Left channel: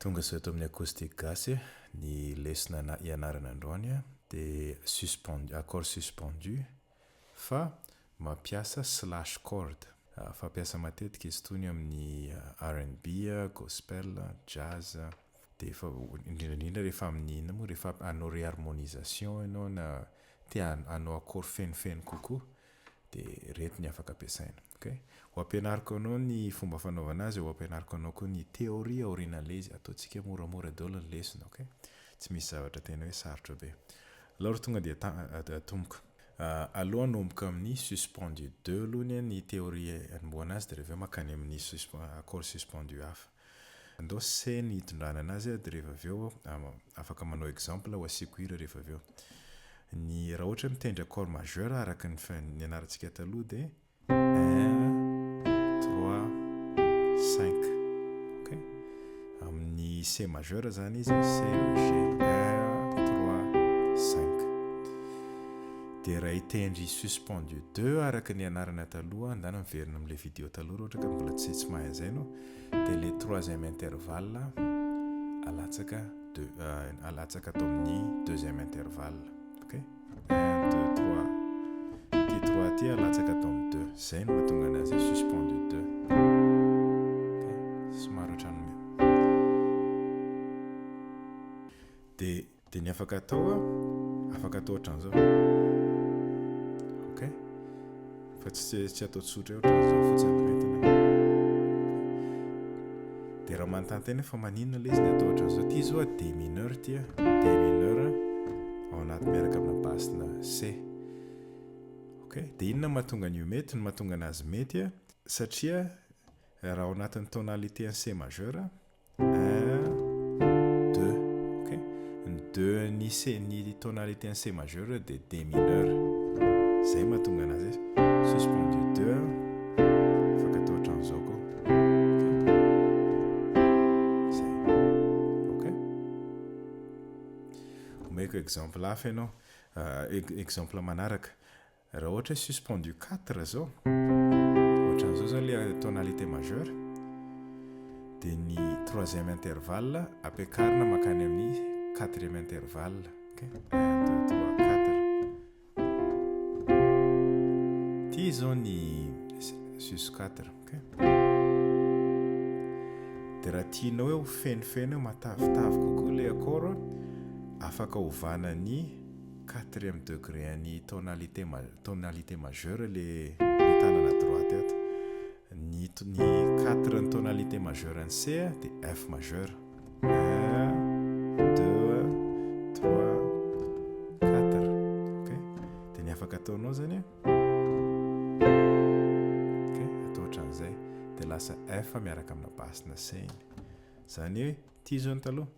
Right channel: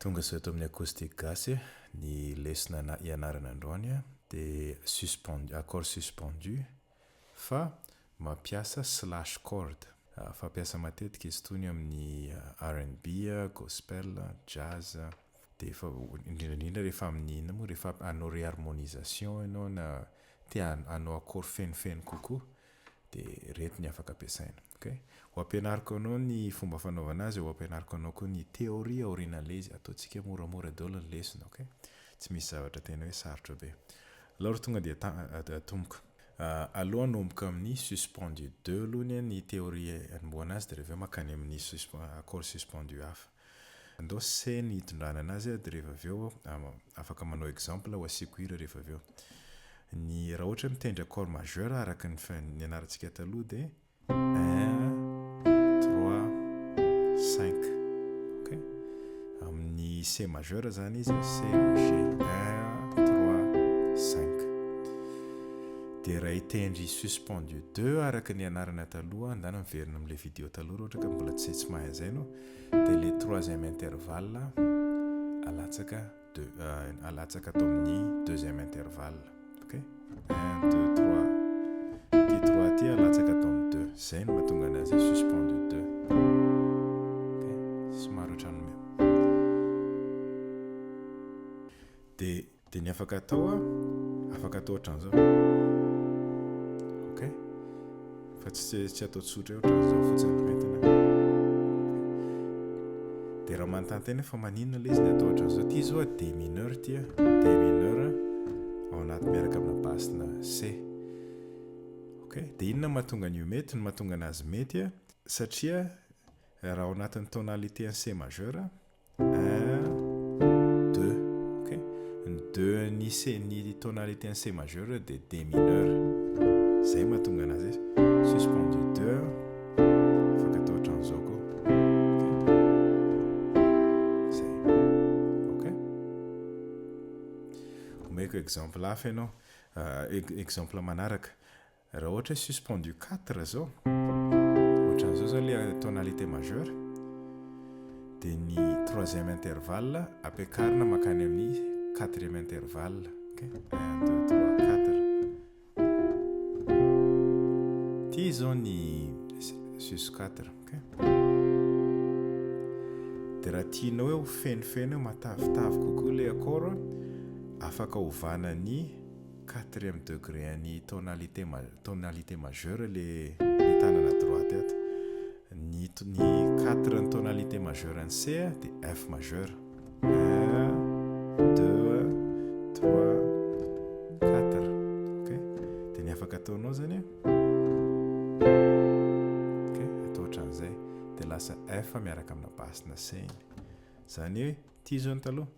Tonga zao eto amin'ny acoustic Gasy, ny lesona ianarana androany dia accord suspendu fa mampiasa slash chord. Fampiasa matetika izy tony amin'ny R&B, gospel, jazz, dia indrindra rehefa amin'ny inona moa rehefa hanao réharmonisation ianao na tia hanao accord fenofeno kokoa dia reto ny afaka ampiasaina. Okay? Ho ampianariko anao ny fomba fanaovana azy, ho ampianariko anao koa ny théorie aorian'ilay izy, ataontsika moramora daholo ny lesona, okay? Tsy misy zavatra tena hoe sarotra be. Alors tonga dia atomboka. Aloha anomboka amin'ny suspendu 2 aloha ny théorie anomboana azy dia rehefa makany amin'ny accord suspendu hafa. Andao C ny hitondrana anazy dia rehefa avy eo afaka manao exemple ho asiko hira rehefa avy eo. Ny raha ohatra mitendry accord majeur araka ny anarantsika taloha dia 1, 3, 5. Okay? Amin'ny C majeur zany izy C, G, 1, 3, 5. Dia raha hitendry suspendu 2 araka ny anarana taloha, andana miverina amin'ilay vidéo taloha ohatra ka mbola tsy mahay an'izay no, dia le 3e intervalle alatsaka atao amin'ny 2e intervalle. Okay? 1, 2, 3. Ty 3 ty alatsaka atao amin'ny 2. Zay no mahatonga anazy suspendu 2. Okay? Somary ohatran'ny dia ny afaka atao ohatran'izao. Okay? Fa tsy atao tsotra ohatran'izao fotsiny entina. Dia raha manontany tena fa maninona ilay izy ny atao ohatran'izao. Ty zao D mineur ty D mineur ao anaty miaraka amina basina C. Okay? Dia inona mahatonga an'io mety? Ny mahatonga anazy mety satria raha ao anatin'ny tonalité en C majeur 1, 2. Okay? Ny 2 ny C ny tonalité en C majeur dia D mineur. Zay mahatonga anazy suspendu 2 afaka atao ohatran'izao koa. Zay. Okay? Omeko exemple hafa ianao. Exemple manaraka. Raha ohatra suspendu 4 zao, ohatran'izao zao ilay tonalité majeur, dia ny 3e intervalle ampiakarina makany amin'ny 4e intervalle. Okay? 1, 2, 3, 4. Ty zao ny sus 4. Okay? Dia raha tianao hoe ho fenofeno matavitavy kokoa ilay accord, afaka ovana ny 4e degré ny tonalité majeure le tanana droite ato. Ny 4 ny tonalité majeure ny C dia F majeur. 1, 2, 3, 4. Okay? Dia ny afaka ataonao zany okay? Atao ohatran'izay dia lasa F miaraka amina basina C. Zany hoe ty zao ny taloha.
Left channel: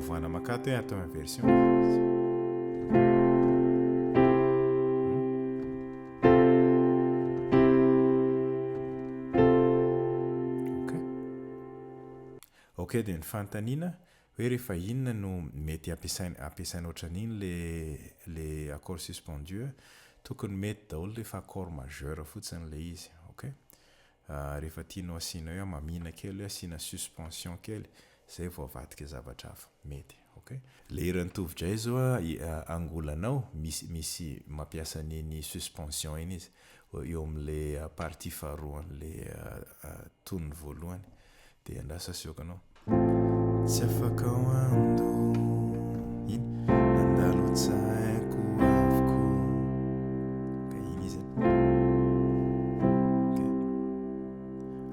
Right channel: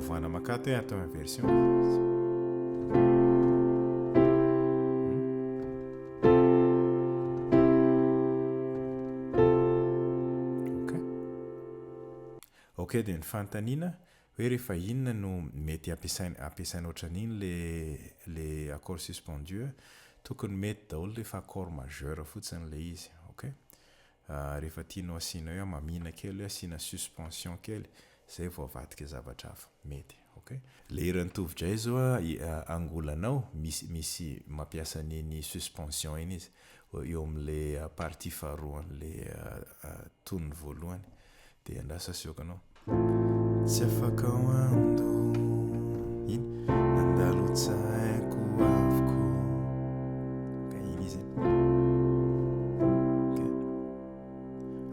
Ovana makato atao en version. Okay, dia ny fanontaniana hoe rehefa inona no mety ampiasaina ohatran'iny le accord suspendu, tokony mety daholo rehefa accord majeur fotsiny ilay izy. Okay? Rehefa tianao asiana hoe mamina kely, asiana suspension kely, zay vao avadika zavatra hafa mety. Okay? Le iran'ny tovitray zao angolanao misy mampiasa ny suspension iny izy eo amin'le partie faharoan'le tony voalohany. Dia andrasa asioko anao. Tsy afaka hoando iny nandalo tsaiko avoko. Okay, iny izy.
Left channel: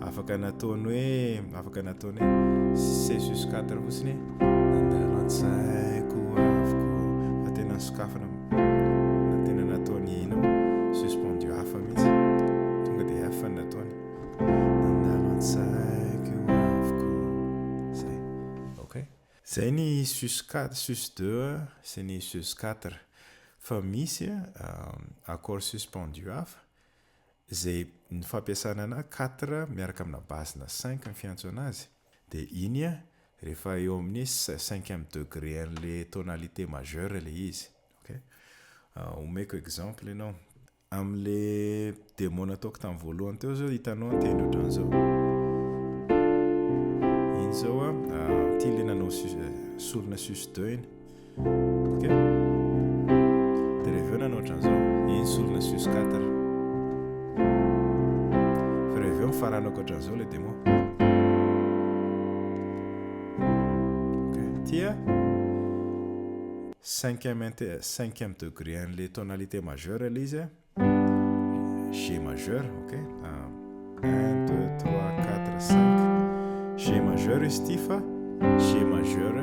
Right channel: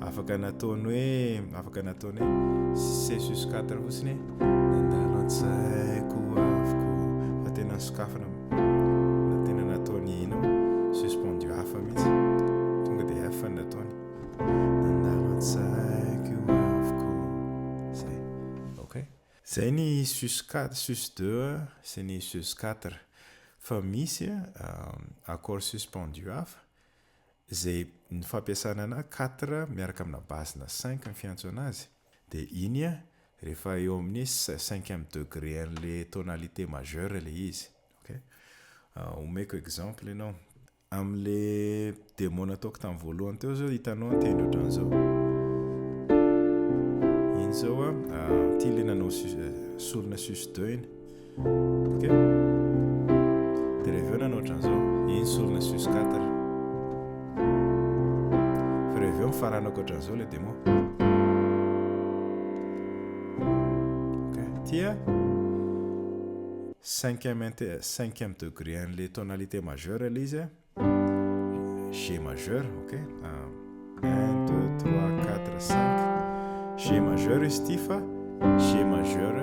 Afaka nataony hoe C sus 4 fotsiny nandalo an-tsaiko avoko. Fa tena sokafana na tena nataony ino suspendu hafa mihitsy. Tonga dia F nataony nandalo an-tsaiko avoko. Zay. Okay? Zay ny sus 4, sus 2 sy ny sus 4. Fa misy accord suspendu hafa zay ny fampiasana 4 miaraka amina basina 5 ny fiantso anazy. Dia iny rehefa eo amin'ny 5e degré an'le tonalité majeure le izy. Okay? Omeko exemple ianao. Am'le démo nataoko tamin'ny voalohany teo zao hitanao tendry ohatran'izao. Iny zao ty le nanao solona sus 2 iny. Okay? De rehefa eo nanao ohatran'izao, iny solona sus 4. Fa rehefa eo mifaranako ohatran'izao le démo. Okay? Tia 5e degré an'le tonalité majeure le izy G majeur, ok? 1, 2, 3, 4, 5. G majeur izy ty fa G majeur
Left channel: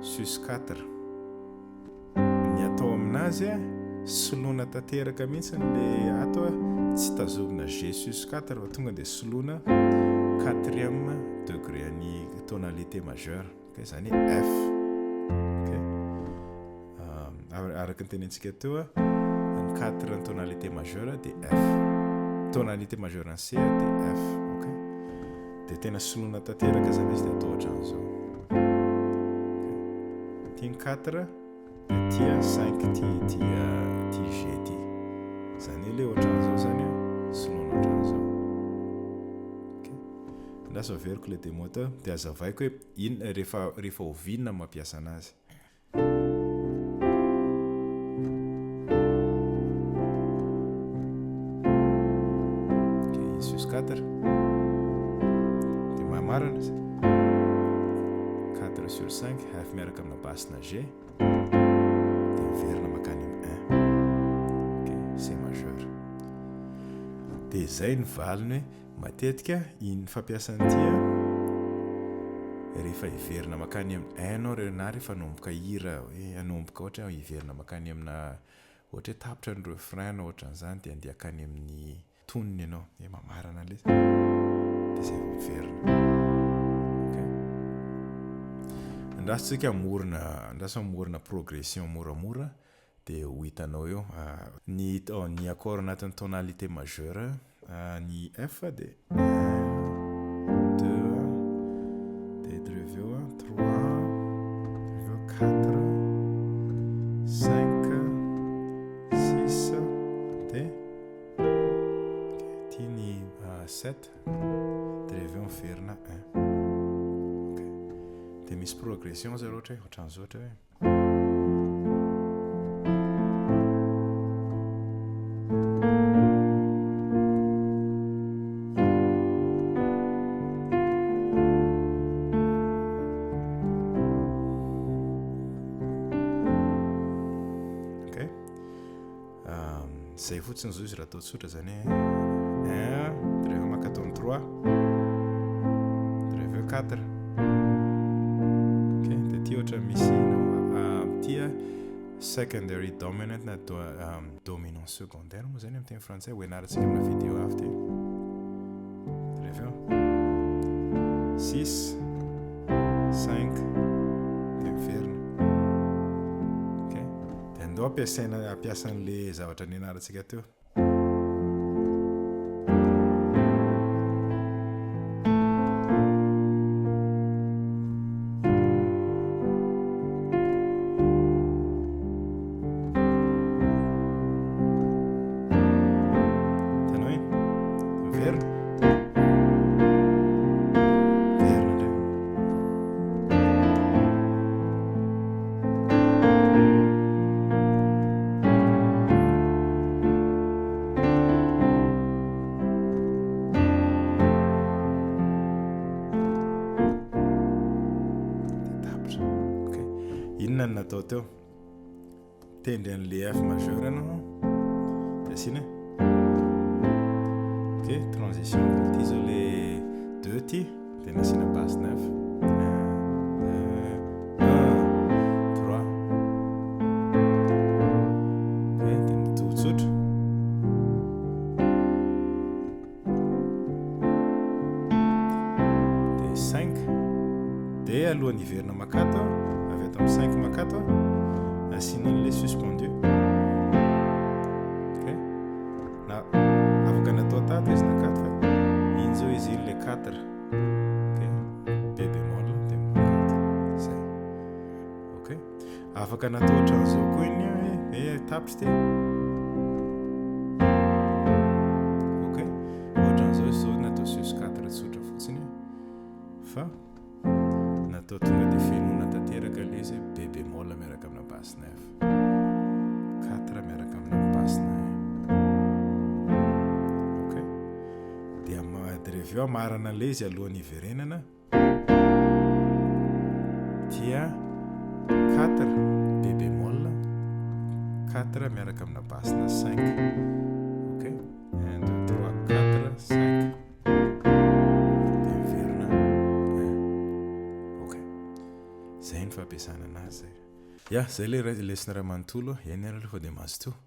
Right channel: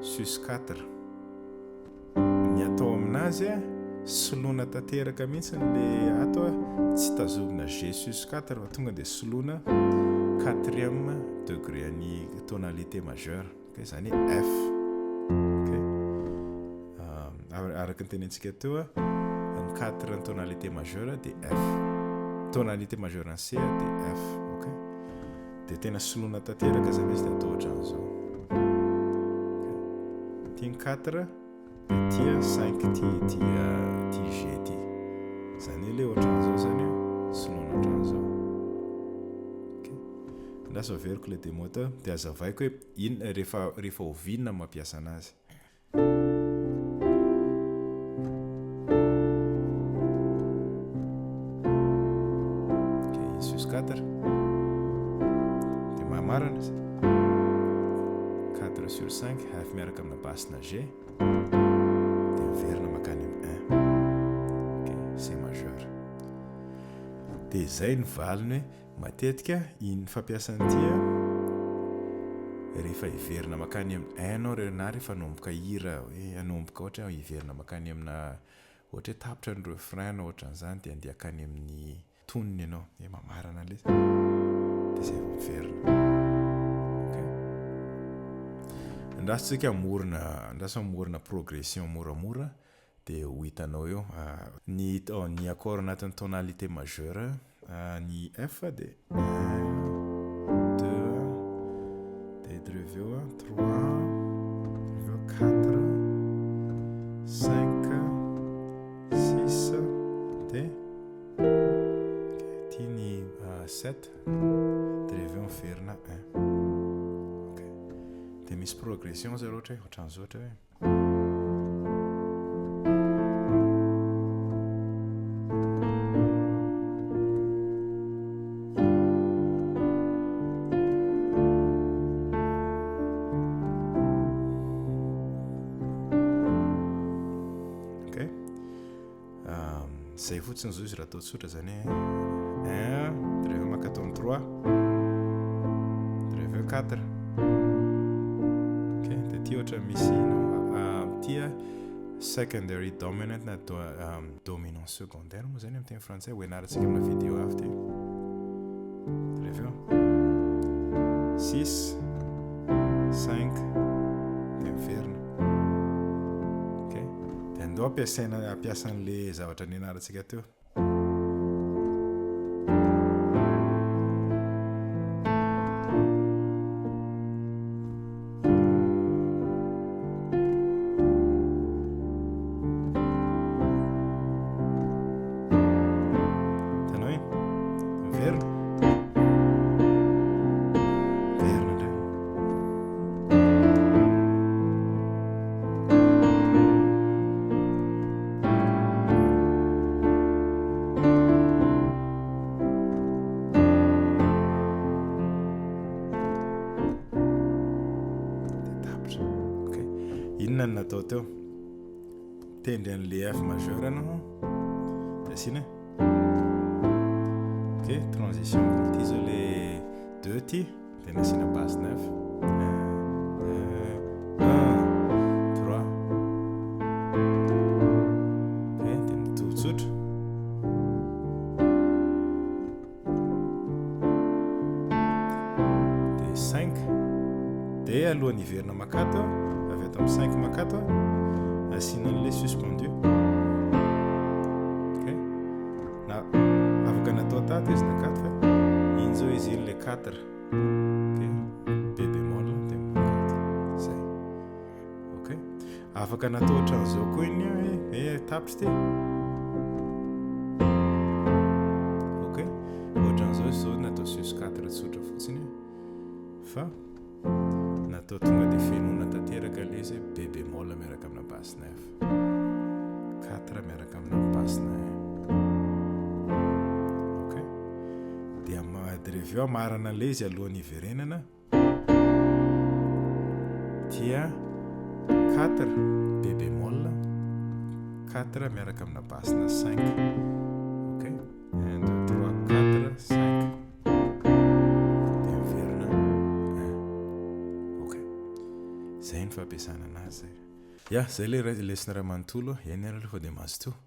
sus 4. Ny atao aminazy solona tanteraka mihitsy le ato tsy tazomina G sus 4 fa tonga dia solona 4e degré an'ny tonalité majeure. Okay? Zany F. Okay? Araka ny tenentsika teo 4 tonalité majeure de F. Tonalité majeure en C de F. Okay? De tena solona tanteraka zany izy atao ohatran'izao. Okay? Ty 4 de tia 5 ty G ty. Zany le ohatran'izao zany solona ohatran'izao. Okay? Ndasa averiko le démo teo de azavaiko hoe iny rehefa ovinina mampiasa anazy. Sus 4 de mamarana 4 sur 5 F miaraka amina basina G de miverina makany amin'ny 1. Okay, C majeur. De zay ny valiny hoe matetika iny fampiasany tia rehefa hiverina makany amin'ny 1 anao na rehefa hanomboka hira hoe hanomboka ohatra hiverina makany amina ohatra hoe tapitra ny refrain ohatran'izany de andeha akany amin'ny tonony ianao mamarana le de zay vao miverina. Okay? Andrasitsika morona progression moramora de ho hitanao eo ny accord anatin'ny tonalité majeure ny F de 1, 2 de dreveo 3 dreveo 4 5 6 de ny 7 de rehefa miverina 1. Okay. De misy progression zay ohatra ohatran'izao ohatra hoe okay. Zay fotsiny zao izy raha atao tsotra zany 1, de rehefa maka tao 3, de rehefa 4. Okay, de tia ohatra misy tia secondary dominant na dominant secondaire moa zany amin'ny teny frantsay hoenarantsika amina vidéo avy ty. De rehefa 6, 5 de miverina. Okay, de andao ampiasan'le zavatra nianarantsika teo. Inona natao teo tendry an'le F majeur anao de asina. Ok, transition ty zao le 2 ty de nasina basse 9 1, 2, 3. Ok, de mitotsotra de 5 de alohan'ny hiverina makato avy ato amin'ny 5 makato asina an'le suspendu. Ok, na afaka natao tato izy na 4 fa iny zao izy iny le 4. Ok, B bémol de afaka natao ohatran'izao koa iny tapitra ty ok ohatran'izao zao natao sus 4 tsotra fotsiny fa natao tonga dia fenona tanteraka ilay izy be bémol miaraka amina basse 9 4 miaraka amina basse 9 ok dia reveo amarana ilay izy alohan'ny iverenana dia 4 be bémol 4 miaraka amina basse 5 ok 1 2 3 4 5 dia miverina 1 ok zay ny fampiasana anazy zay ya zay le lesona raha manontolo eny aloha fa dia mahazo to